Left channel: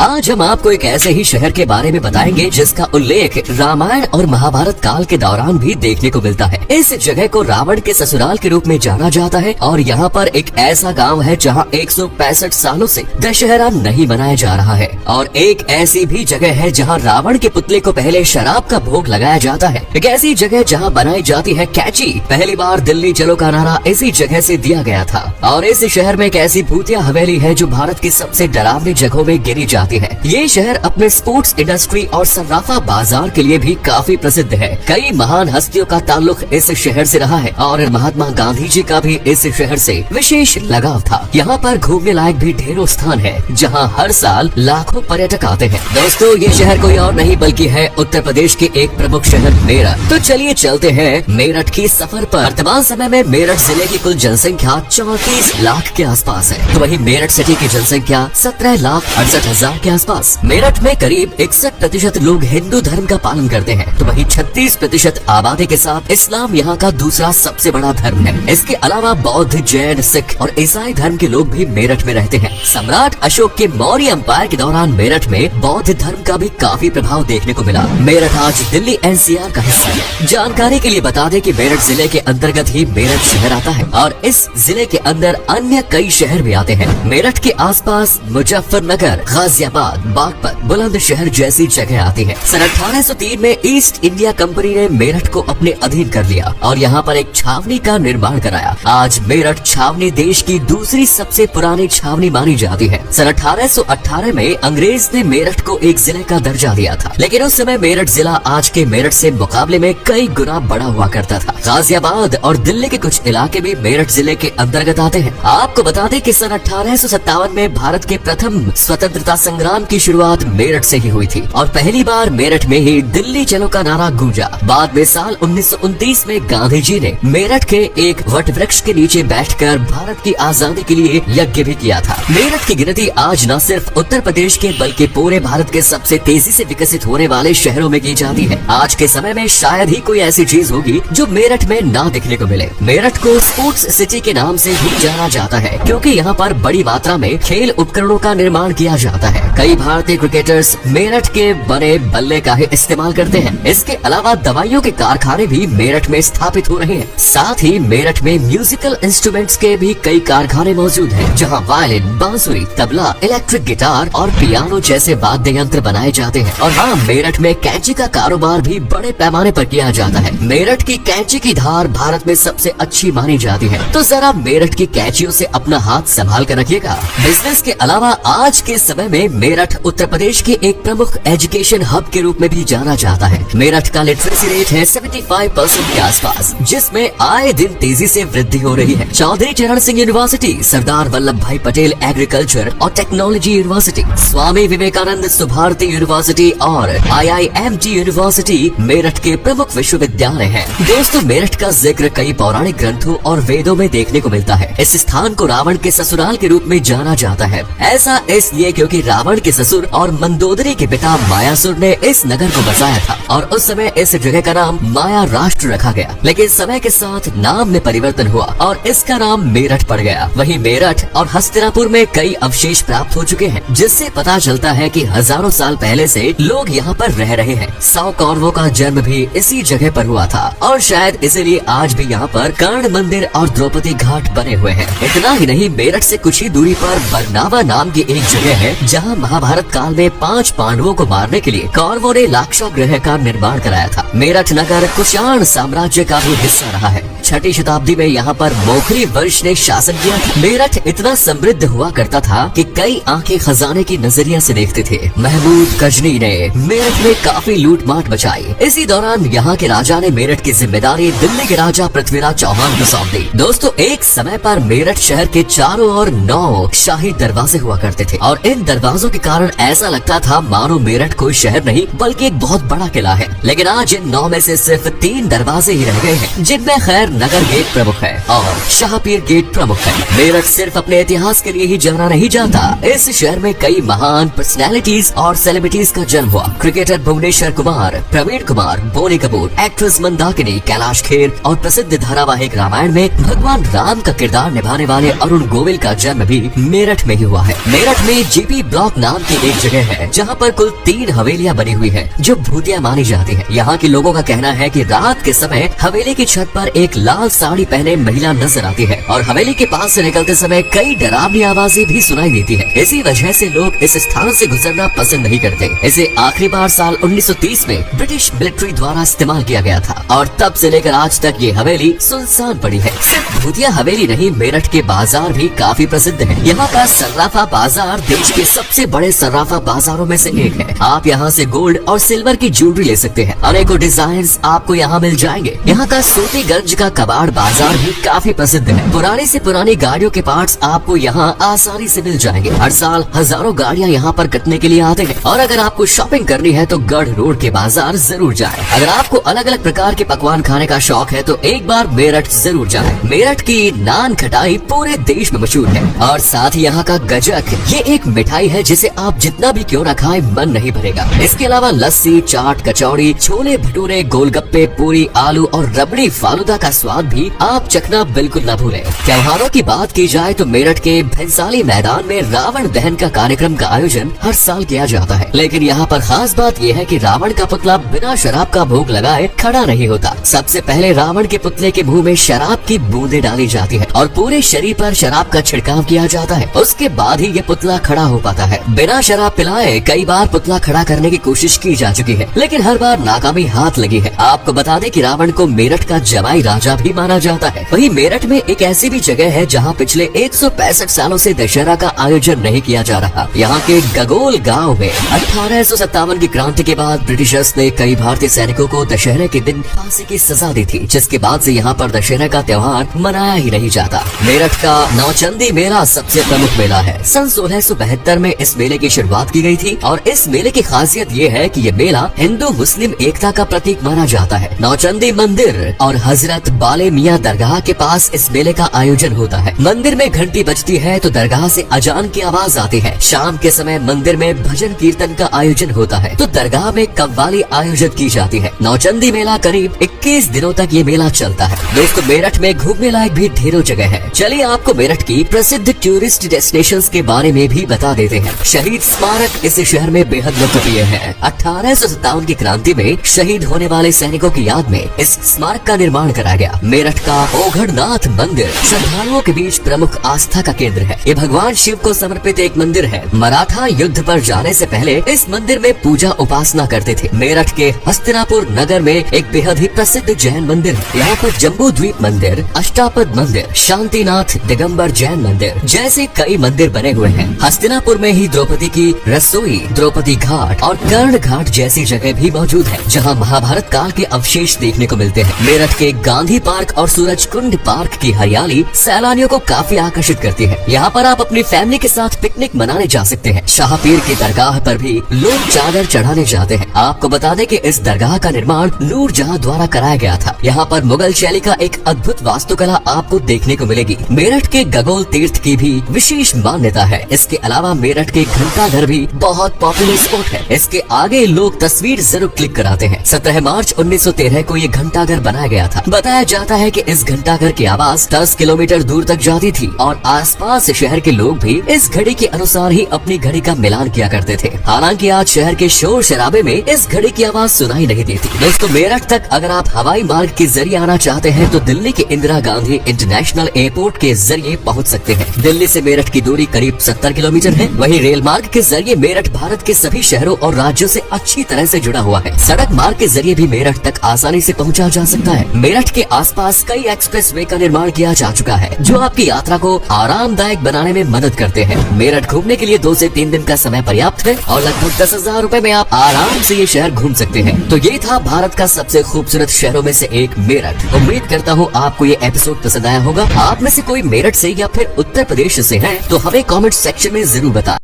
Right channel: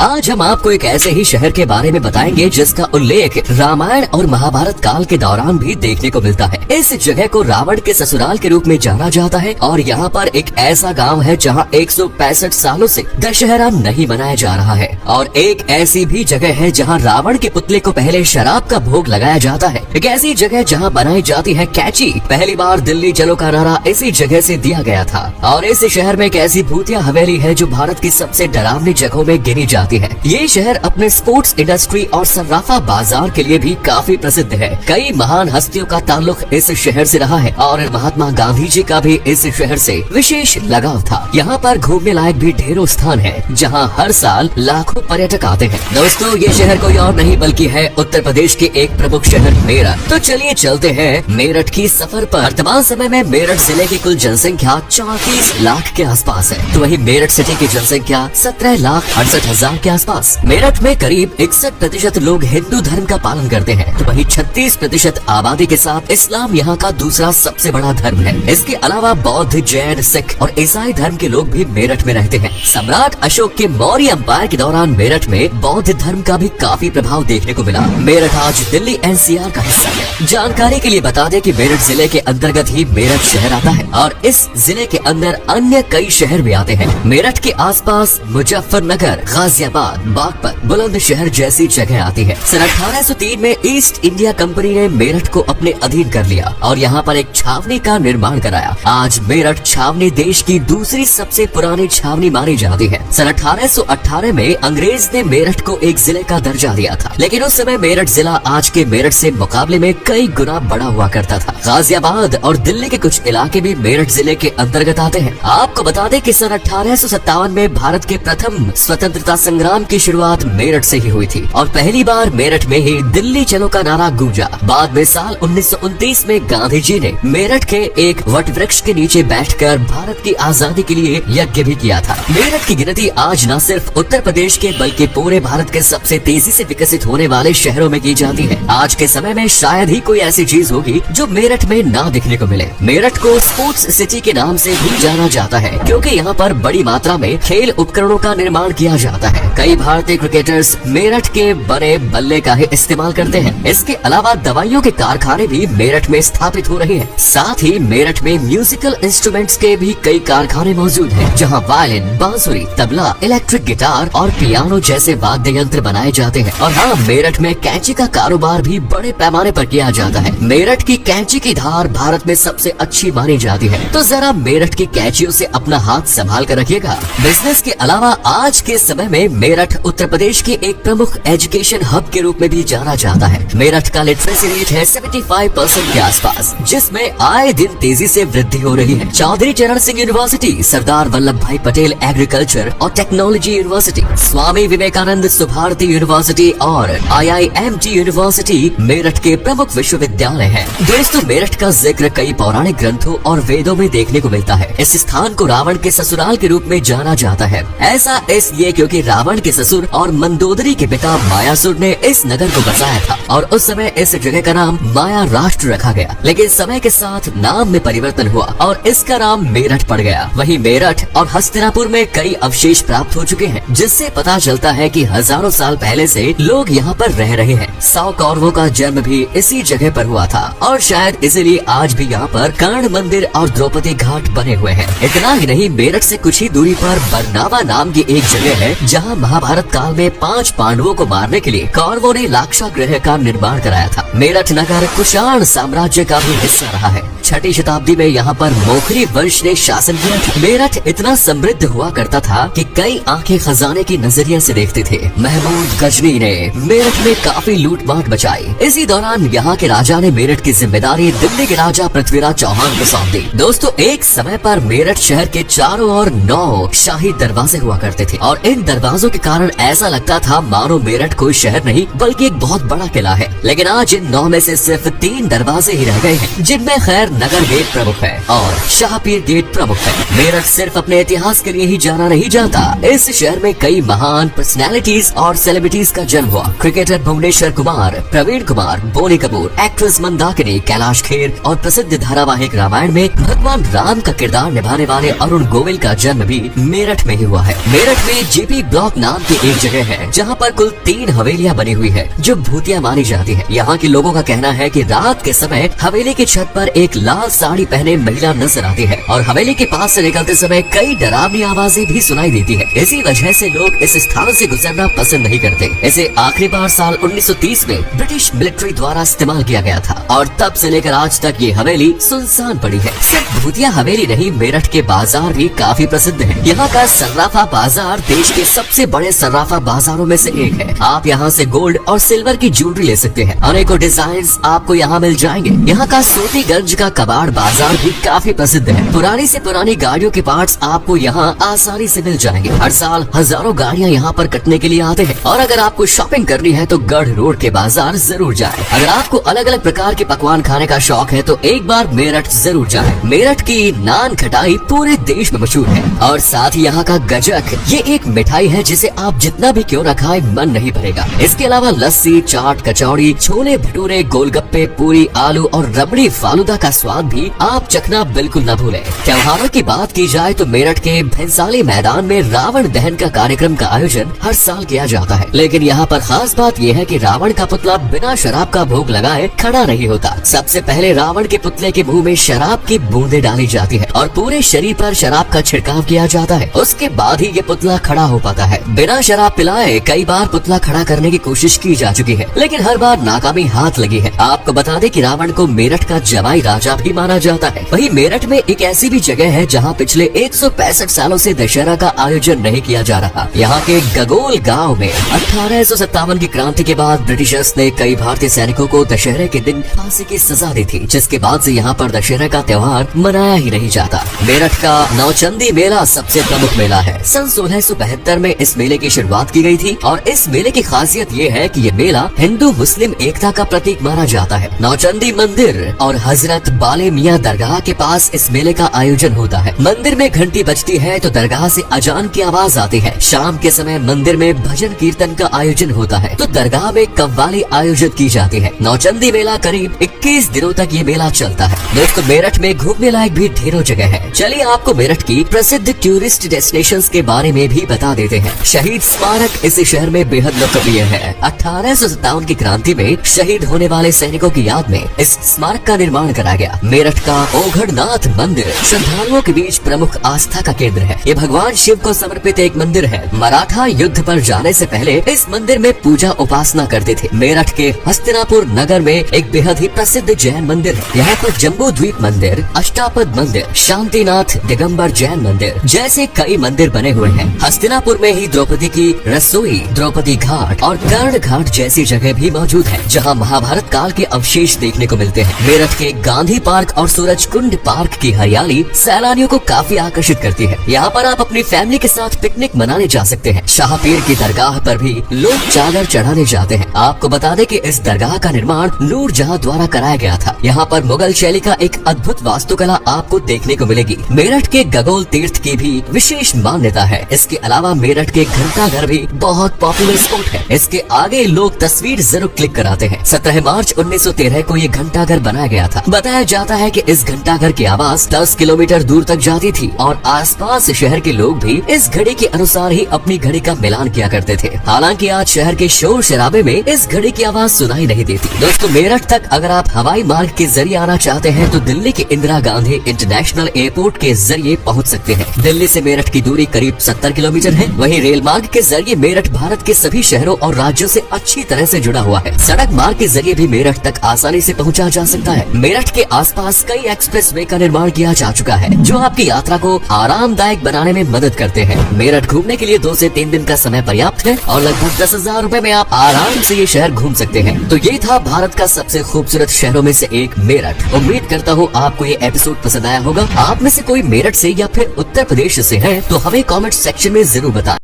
आज हम आपको एक ऐसे ही शहर के बारे में बताएंगे जिसका उल्लेख रामायण और महाभारत काल के दौरान भी देखने को मिलता है। इस जगह को रावण के ससुराल के रूप में जाना जाता है और यहाँ पर एक ऐसा गांव है जहाँ 165 सालों से दशहरा नहीं मनाया जा रहा है। और एक ऐसी भी जगह है जहाँ रावण के पुतले को पहले शराब का भोग लगाया जाता है। एक ऐसी जगह जहाँ बनाई जाती है कैची। पहली बार दिल्ली चलो का नारा इसी जगह से दिया गया था। और इस शहर में एक ऐसी भूतिया हवेली है जो भारत की सबसे डरावनी जगहों में गिनी जाती है। ये शहर अपने स्पोर्ट्स इंडस्ट्री और सर्राफा बाजार के लिए भी काफी प्रसिद्ध है। कई महान हस्तियों का ताल्लुक इस शहर से रहा है और महात्मा गांधी जी का भी इस शहर से विशेष लगाव था। यहाँ पर घूमने लायक भी ढेरों स्थान है जहाँ हर साल लाखों पर्यटक आते हैं। दोस्तों, ये शहर कोई और नहीं बल्कि है उत्तर प्रदेश के एक प्रमुख शहर मेरठ। तो चलिए चलते हैं मेरठ की सफर पर। वर्तमान समय में मेरठ जिले की कुल जनसंख्या 34 लाख के आसपास है, तो वही मेरठ सिटी की जनसंख्या 17,68,000 के आसपास। मेरठ में करीब 61% लोग हिंदू धर्म का पालन करते हैं, तो वही 36% आबादी के साथ इस्लाम यहाँ का दूसरा सबसे बड़ा धर्म है। इसके अलावा बौद्ध, जैन, सिख और ईसाई धर्म के लोग भी मेरठ में रहते हैं। सम्राट अशोक के मौर्य एम्पायर के दौरान मेरठ में बौद्ध धर्म का भी काफी प्रभाव देखने को मिला। मेरठ आज दिल्ली NCR का हिस्सा है। जानकारी के लिए बता दें कि मेरठ जिले के अंतर्गत ही मेरठ शहर आता है और इस जिले के अंदर अन्य कई शहर भी आते हैं। मेरठ के आसपास मुजफ्फरनगर, गाजियाबाद, बागपत, बुलंदशहर जैसी जगह आती है। सन 1803 में ईस्ट इंडिया कंपनी ने मेरठ को अपने अधीन कर लिया और यहाँ पर एक छावनी का निर्माण कराया। आज मेरठ छावनी देश की दूसरी सबसे पुरानी छावनी मानी जाती है। सन 1818 में अंग्रेज ने मेरठ को एक जिले का दर्जा दिया था, लेकिन उस समय मेरठ जिला आज के मेरठ से मुकाबले में कई गुना बड़ा हुआ करता था। गाजियाबाद और दिल्ली के कुछ इलाके भी मेरठ जिले के अंतर्गत आते हैं। आपको बता दें कि सन 1857 में भारत के प्रथम स्वतंत्रता संग्राम की शुरुआत मेरठ से ही हुई थी और पहली बार मेरठ में ही दिल्ली चलो का नारा गूंजा। बाद में साल 1929 में गांधी जी ने मेरठ के एक वट वृक्ष के नीचे बैठकर भारत की आजादी के लिए यज्ञ भी किया था। मेरठ की गिनती आज न सिर्फ उत्तर प्रदेश के बल्कि पूरे भारत के सबसे तेजी से विकसित होने वाले शहरों में की जाती है। आज के समय में शायद ही कोई ऐसी चीज होगी जो मेरठ में ना देखने को मिले। मेरठ को स्पोर्ट्स सिटी के नाम से भी जाना जाता है क्योंकि यहाँ पर बड़ी मात्रा में खेल उपकरणों का निर्माण किया जाता है। कई भारतीय क्रिकेटर्स मेरठ के बड़े बल्ले का ही इस्तेमाल करते हैं। इसके अलावा दवाइयों के कारखाने भी मेरठ में स्थापित हो रहे हैं। साथ ही मेरठ में म्यूजिकल इंस्ट्रूमेंट्स के भी कई कारखाने मौजूद हैं, जहां वायलिन, बांसुरी, तबला, इलेक्ट्रिक गिटार और पियानो जैसे वाद्य यंत्र बनाए जाते हैं। और हाँ, मेरठ में कैंची का कारोबार भी बड़े पैमाने पर किया जाता है। मेरठ की कैंची की धार भारत में सबसे अच्छी मानी जाती है, तो जरा मेरठ की कैंचियों से अपना हाथ संभाल कर रखिएगा। बिजनेस के अलावा आज के समय में मेरठ उत्तर प्रदेश की एक प्रमुख एजुकेशन हब के रूप में भी जाना जाता है। मेरठ का लिटरेसी रेट है 75% के आसपास, जिसमें आए दिन तेजी से वृद्धि हो रही है। चौधरी चरण सिंह यूनिवर्सिटी, सरदार वल्लभ भाई पटेल एग्रीकल्चर और technology university, Swami Vivekananda Subharti university और IIMT यूनिवर्सिटी मेरठ के प्रमुख विश्वविद्यालय हैं। दोस्तों, मेरठ का जिक्र कई पौराणिक ग्रंथों और वेदों में देखने को मिलता है। इस स्थान को रावण के ससुराल के रूप में जाना जाता है। ऐसा इसलिए क्योंकि रावण के ससुर और मंदोदरी के पिता मायासुर ने इस नगर को बसाया था और उस समय इस जगह का नाम माया राष्ट्र रखा गया। लेकिन समय के साथ नाम में परिवर्तन हुआ और इसका नाम मेरठ पड़ गया। वहीं मेरठ और हस्तिनापुर में कई अवशेष प्राप्त हो चुके हैं, जिससे पता चलता है कि हजारों साल पहले से लोग यहाँ पर रह रहे हैं। 100 कौरवों का जन्म भी इसी जगह पर हुआ था और शायद इसीलिए आज भी यहाँ पर कर्ण मंदिर और द्रौपदी घाट बने हुए हैं। इतना ही नहीं, मेरठ से कुछ ही दूरी पर बरनावा नाम की एक जगह है जहाँ महाभारत काल में 5 पांडवों को मारने के लिए कौरवों ने लाक्षागृह का निर्माण कराया था। मेरठ नगर कुषाण साम्राज्य का भी हिस्सा रहा है। 6ठी शताब्दी में यहाँ पर मोखरी वंश ने शासन किया था। मेरठ इतना समृद्ध हुआ करता था कि कई आंखें खजाने की नजरिए से देखते थे। महमूद गजनी ने मेरठ में काफी लूटमाट मचाई। इसी दौरान यहाँ के राजा ने मेरठ की जिम्मेदारी दिल्ली के राजा पृथ्वीराज चौहान को सौंप दी। दोस्तों, एक समय पर मेरठ शहर के चारों ओर 9 शाही दरवाजे हुआ करते थे और इन दरवाजों के कारण ऐसा लगता था मानो मेरठ कोई शहर नहीं बल्कि एक बहुत बड़ा किला है। लेकिन आज इन 9 में से सिर्फ 3 दरवाजे ही रह गए हैं, जिनमें खैर पर नगर गेट प्रमुख है और शाहपीर गेट प्रमुख है। मेरठ सिर्फ अपने इतिहास के लिए ही जाना नहीं जाता, इस शहर में कई महान पर्सनैलिटीज और सेलिब्रिटीज का जन्म हुआ। क्रिकेटर भुवनेश्वर कुमार, प्रवीण कुमार, बोनी कपूर, एक्ट्रेस मंदाकिनी, कैलाश खेर और प्रसिद्ध धारावाहिक रामायण में भगवान राम का किरदार निभाने वाले अरुण गोविल का जन्म भी मेरठ में ही हुआ है। मेरठ में जीपी ब्लॉक नाम की एक जगह है जहाँ पर कुल 3 हवेलियाँ बनी हुई है जो भूतिया मानी जाती है। यहाँ के लोगों का कहना है कि रात के समय हवेली की छत पर एक लाल साड़ी पहने महिला नजर आती है और हवेली के पास से निकलते समय कई डरावनी आवाजें भी सुनाई देती है। इसी वजह से लोग इस स्थान से गुजरना पसंद नहीं करते। इसे आखिरी बार साल 1930 में ब्रिटिश मिलिट्री द्वारा इस्तेमाल किया गया था और तब से लेकर आज तक ये हवेली सुनसान पड़ी है। सिर्फ भूतिया हवेली नहीं, मेरठ के बाजार भी काफी प्रसिद्ध है। यहाँ का सर्राफा बाजार देश के सबसे बड़े सर्राफा बाजारों में से एक है। आप यहाँ से गोल्ड और सिल्वर की ज्वेलरी ले सकते हैं। अनेकों डिजाइन आपको यहाँ मिल जाएंगे। यहाँ का सोतीगंज का कबाड़ बाजार भी काफी प्रसिद्ध है। पुरानी से पुरानी गाड़ियों के पार्ट्स आपको यहाँ आसानी से मिल जाएंगे। हर साल हजारों गाड़ियाँ यहाँ पर कटने के लिए आते हैं और अगर आपको शॉपिंग करनी है तो गढ़ रोड के बाजार जरूर जाएं। अगर आपको अलग अलग प्रकार के पकवान खाने का शौक है तो एक बार मेरठ जरूर जाएं। मेरठ की नान खटाई पूरे देश में मशहूर है और साथ ही यहाँ का गजक, ये एक मिठाई है जिसे आप जितना भी क्यों न खाए मन नहीं भरेगा। इसके अलावा लस्सी, चाट, कचौड़ी, छोले भटूरे, गोलगप्पे, पूरी, आलू और रबड़ी फालूदा का स्वाद भी आप चखना बिल्कुल न भूलें। त्योहारों की बात की जाए तो मेरठ के भैंसाली मैदान में रावण दहन का कार्यक्रम का आयोजन हर साल किया जाता है, लेकिन यहाँ पर खास बात यह है कि रावण का पुतला बिना शराब का भोग लगाए खड़ा नहीं होता। सबसे पहले रावण के पुतले के मुंह में शराब की बूंदें डाली जाती है और पूरे शरीर पर शराब का छिड़काव किया जाता है। उसके बाद ही ये पुतला खड़ा हो पाता है। बिना शराब पिलाए कई बार पुतला खड़ा करने की कोशिश की जा चुकी है, लेकिन हर बार नाकामी हाथ लगी है। आपको बता दें कि रावण को मेरठ का जवाई राजा भी माना जाता है। वहीं मेरठ में एक ऐसी भी जगह है जहाँ पिछले 165 सालों से दशहरा का आयोजन नहीं किया जा रहा। यहाँ के गगोल गांव में 1857 की क्रांति के बाद ब्रिटिशर्स ने कई भारतीय सैनिकों को दशहरे के दिन फांसी की सजा दी थी, जिसके बाद से यहाँ पर दशहरा का त्योहार मनाया ही नहीं जाता। मेरठ का नौचंदी मेला सबसे प्रमुख मेला है। सन 1672 में इस मेले की शुरुआत की गई थी और इस मेले की खासियत ये है कि ये मेला हिंदू मुस्लिम एकता का प्रतीक माना जाता है। नौचंदी मंदिर और हजरत बाले मियाँ दरगाह के पास इस मेले का आयोजन होता है। मंदिर में घंटी बजती है तो दरगाह से अजान की आवाज आती है। शाम के समय मंदिर में भजन कीर्तन का आयोजन होता है तो दरगाह में कव्वाली आयोजित की जाती है। नौचंदी मेला करीब 21 दिनों तक ये मेला चलता है। दोस्तों, मेरठ में घूमने लायक भी ढेरों जगह है। चलिए आपको मेरठ की प्रसिद्ध टूरिस्ट डेस्टिनेशंस के बारे में भी बता देते हैं। शहीद स्मारक इस शहर में बेहद लोकप्रिय है। 1857 की क्रांति में शहीद होने वाले सैनिकों की याद में इस स्मारक का निर्माण करा गया। मेरठ का ओघड़नाथ मंदिर श्रद्धालुओं के बीच प्रमुख आस्था का केंद्र है। ये भगवान शिव को समर्पित एक मंदिर है। मराठा युद्ध पर जाने से पहले इस मंदिर में पूजा उपासना करते थे। मेरठ के हस्तिनापुर नगर में एक बेहद ही प्रसिद्ध जैन मंदिर है। यहाँ पर जम्बू द्वीप मंदिर, अष्टापद मंदिर, शांतिनाथ दिगंबर जैन मंदिर जैसे कई मंदिर बने हुए हैं। हस्तिनापुर में ही द्रौपदी की रसोई, द्रौपदी घाट और कर्ण घाट जैसी जगह भी मौजूद है, जहाँ महाभारत काल के अवशेष देखने को मिलते हैं। मेरठ के गांधी पार्क और सूरज कुंड पार्क की हरियाली सैलानियों को काफी आकर्षित करती है। यहाँ पर आप अपनी फैमिली के साथ पिकनिक मनाने जा सकते हैं। शाहपीर की दरगाह पर भी लोग चादर चढ़ाने जाते हैं। आपको बता दें कि इस दरगाह का निर्माण नूरजहां द्वारा कराया गया था। यहाँ पर मुगल शैली का एक अद्भुत वास्तुकला आपको देखने को मिलेगी। मेरठ के गगोल तीर्थ की भी विशेष मान्यता है। इसके अलावा मेरठ के घंटाघर भी बहुत पॉपुलर स्पॉट है। इसके आगे लोग तस्वीर जरूर क्लिक कराते हैं। 17 मार्च 1913 को ये घंटाघर बनाया गया था। बताया जाता है कि इस घंटाघर की आवाज 10 किलोमीटर दूर तक जाती थी और आसपास शहर के लोग भी इस घड़ी के अनुसार ही अपनी घड़ी का मिलान किया करते थे। हालांकि आज शहर के शोर शराबे में इस घड़ी की आवाज सुनाई नहीं देती। दोस्तों, मेरठ तक अगर आप हवाई मार्ग के जरिए आना चाहते हैं तो दिल्ली के इंदिरा गांधी इंटरनेशनल एयरपोर्ट के जरिए पहुंच सकते हैं। दिल्ली से मेरठ की दूरी करीब 70 किलोमीटर है। वहीं रेल मार्ग के जरिए मेरठ भारत के सभी शहरों और राज्यों से अच्छी तरह से जुड़ा हुआ है। सड़क मार्ग के जरिए भी मेरठ तक आसानी से पहुंचा जा सकता है। मेरठ के आसपास कई एक्सप्रेस वे का निर्माण किया जा चुका है जो आपकी यात्रा को आरामदायक बनाने में मदद करते हैं। मेरठ घूमने के लिए 2 से 3 दिन का समय पर्याप्त है और लगभग 10,000 रुपए में आप आराम से ये शहर घूम सकते हैं। तो ये था भारत का सबसे खूबसूरत शहरों में से एक मेरठ। उम्मीद करता हूँ आपको ये एपिसोड पसंद आया होगा। आप में से कोई मेरठ से या फिर उत्तर प्रदेश से है तो हमें कमेंट सेक्शन में जरूर बताएं।